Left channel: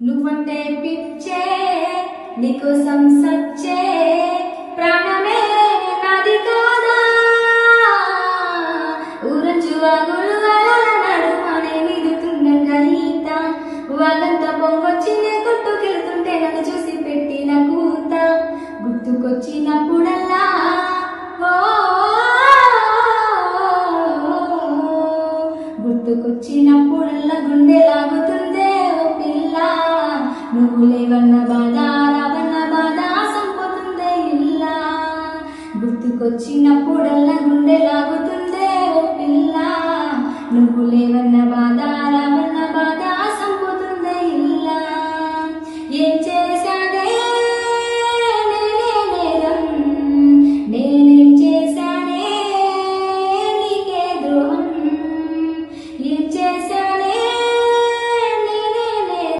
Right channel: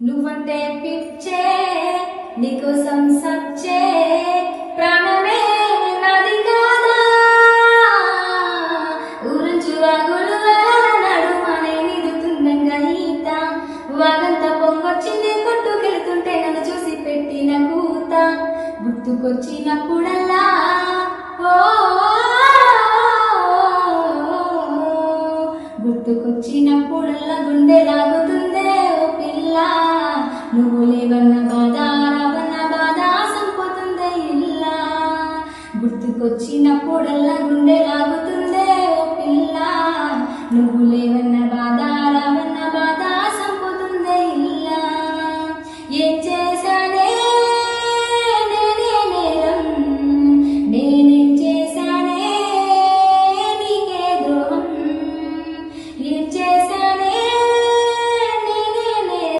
నువ్వంటే పిచ్చే నీకోసం సచ్చే ప్రాణమే నాది కాదా ఊరంచు వాగులు నడుమనే నిదుతున్న గీత వాగంత పొంగొచ్చిందే కొట్టుకెళ్తుంటే నన్ను చూసి పెట్టిన కూత గుర్తుకొచ్చినప్పుడల్లా ఓ గుర్తుకొచ్చినప్పుడల్లా గుండె లాగుతుందే ఓ పిల్ల నువ్వు లేవన్న బాధ రావన్న బాధ సంపోతుందే ఇల్లా గుర్తుకొచ్చినప్పుడు